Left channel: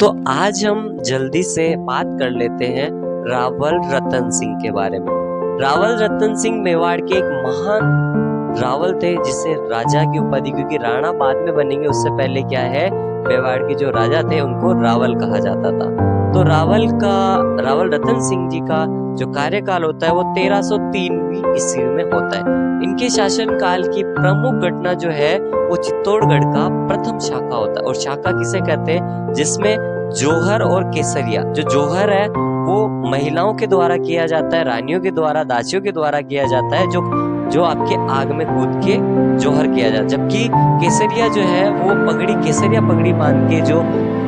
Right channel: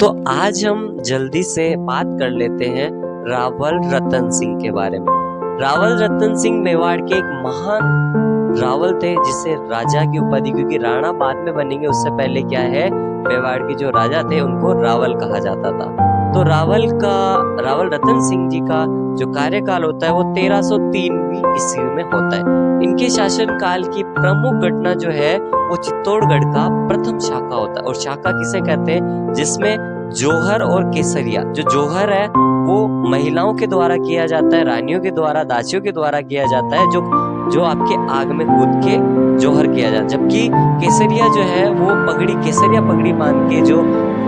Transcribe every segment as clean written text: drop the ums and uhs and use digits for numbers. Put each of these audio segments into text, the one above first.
तो आज हम जल्दी से बात कर लेते हैं रावल रतन सिंह के बारे में। रावल रतन सिंह मेवाड़ के एक महान रावल थे, जिसे राजा की उपाधि, क्योंकि राणा बाद में बनेंगे, उससे पहले क्या है, मेवाड़ के जो राजा थे उनको रावल कहा जाता था। तो रावल रतन सिंह जी का जो कार्यकाल होता है वो 1303वीं ईस्वी में होता है। इनके शासन काल की प्रमुख घटना जो है वो चित्तौड़गढ़ का प्रथम शाखा होता है। और शाखा किसे कहते हैं? जिसमें जौहर और केसरिया। जो जौहर है वो महिलाओं के द्वारा किया जाता है, रानियों के द्वारा, दासियों के द्वारा किया जाता है, जो आपके आग में कूद के जौहर किया जाता है। जबकि केसरिया जो है वो केसरिया पगड़ी बांध के जो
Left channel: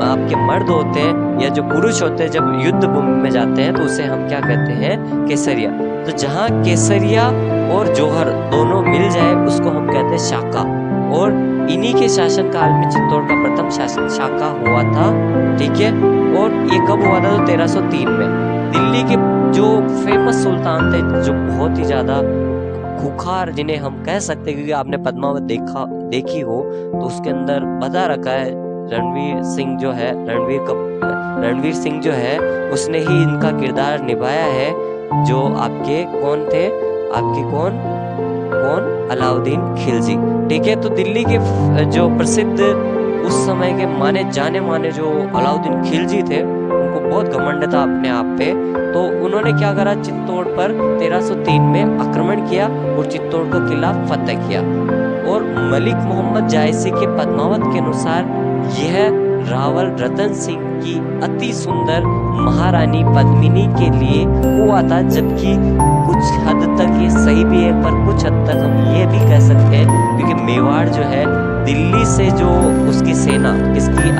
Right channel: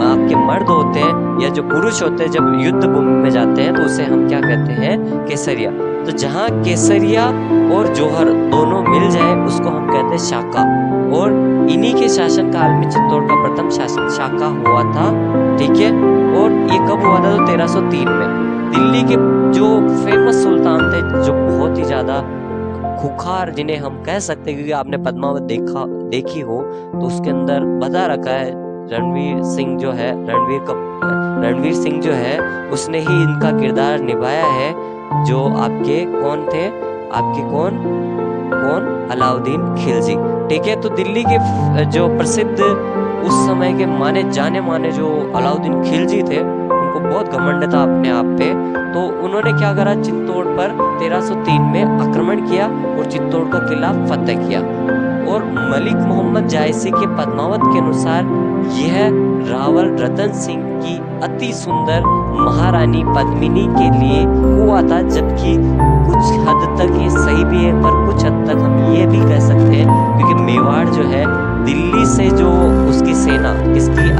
आपके मर्द होते हैं या जो पुरुष होते हैं, जब युद्ध भूमि में जाते हैं तो उसे हम क्या कहते हैं? केसरिया। तो जहाँ केसरिया और जौहर दोनों मिल जाए उसको हम कहते हैं शाखा। और इन्हीं के शासन काल में चित्तौड़ का प्रथम शाखा हुआ था। ठीक है। और ये कब हुआ था? तो 1303 में। दिल्ली के जो फेमस सुल्तान थे, जो बहुत ही ज्यादा खुखार, जिन्हें हम कह सकते हैं, क्योंकि आपने पद्मावत देखी हो तो उसके अंदर बता रखा है रणवीर सिंह जो है उसने ही इनका किरदार निभाया है। जो आपके कौन थे? आपके कौन? अलाउद्दीन खिलजी। ठीक है। तो दिल्ली के जो प्रसिद्ध उस समय के माने जो अलाउद्दीन खिलजी थे, उनको बहुत घमंड था अपने आप पे। तो उन्होंने क्या करा? चित्तौड़ पर 1303 में आक्रमण किया और चित्तौड़ का किला फतेह किया। और मलिक मोहम्मद जायसी के पद्मावत के अनुसार यह रावल रतन सिंह की अति सुंदर महारानी पद्मिनी के लिए हुआ था। जबकि कुछ हद तक ये सही भी है, पर कुछ हद तक हम ये भी कह सकते हैं, क्योंकि मेवाड़ जो है दिल्ली से जो उसकी सेना, किसकी?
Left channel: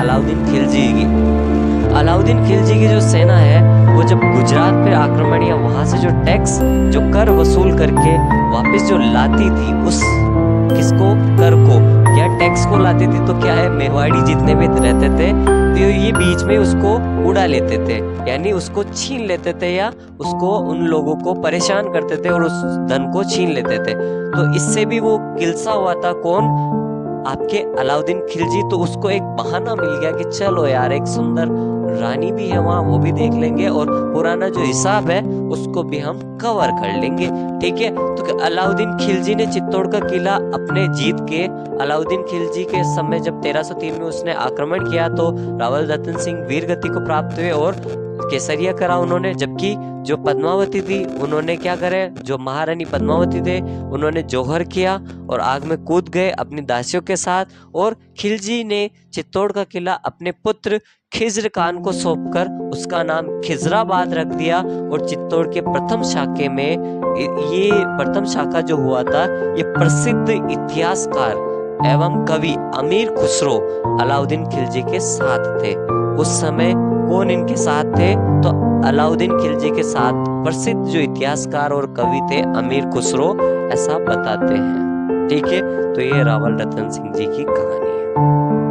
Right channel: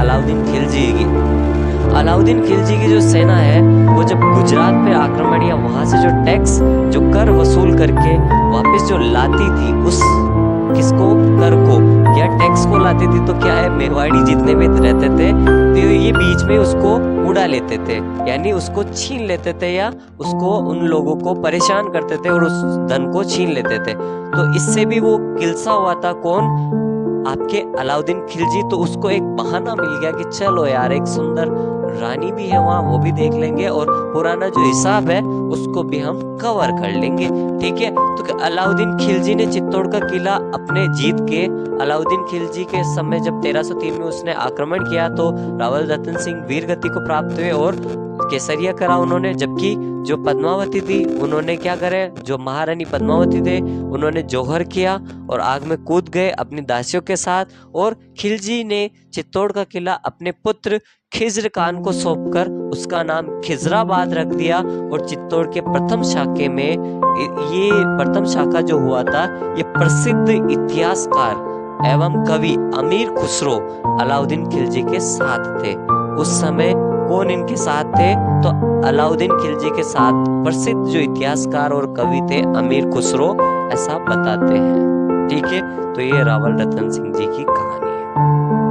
अलाउद्दीन खिलजी की जो सेना है वो जब गुजरात पे आक्रमण या वहां से जो टैक्स, जो कर वसूल करके वापस जो लाती थी, उस किसको? कर को या टैक्स को लाती थी, तो क्या है, मेवाड़ी जितने भी रहते थे तो ये बीच में उसको उड़ा लेते थे, यानी उसको छीन लेते थे, या उसको, उन लोगों को परेशान करते थे और उस धन को छीन लेते थे। तो इससे भी वो किलसा हुआ था। कौन? आपके अलाउद्दीन खिलजी। तो उसको एक बहाना मिल गया कि चलो यार, एक सुंदर रानी भी है वहां, वो भी देख लेंगे, और पुराना जो हिसाब है उसको भी हम कवर कर लेंगे। ठीक है। तो अलाउद्दीन खिलजी ने चित्तौड़ का किला अपने जीत के, अलाउद्दीन खिलजी के समय जब 1303 में उसने आक्रमण किया तो रावल रतन सिंह वीर गति को प्राप्त हुए और केसरिया करा उन्होंने। जबकि जो पद्मावती थी उन्होंने क्या करे? जो महारानी पद्मावती थे उन्होंने जौहर किया और आग में कूद गए अपनी दासियों के साथ। और खिलजी ने चित्तौड़ का किला अपने पुत्र खिज्र खान को सौंपकर उसका नाम खिजराबाद रख दिया। और चित्तौड़ के प्रथम शाखे में, ये प्रथम शाखा जो हुआ था, ये प्रसिद्ध इतिहासकार एवं कवि अमीर खुसरो अलाउद्दीन खिलजी के साथ थे। उस समय कौन इनके साथ थे? तो अलाउद्दीन खिलजी के साथ प्रसिद्ध जो इतिहासकार और कवि थे अमीर खुसरो, ऐसा बताते हैं। ठीक है। तो ये रावल रतन सिंह जी की कहानी है।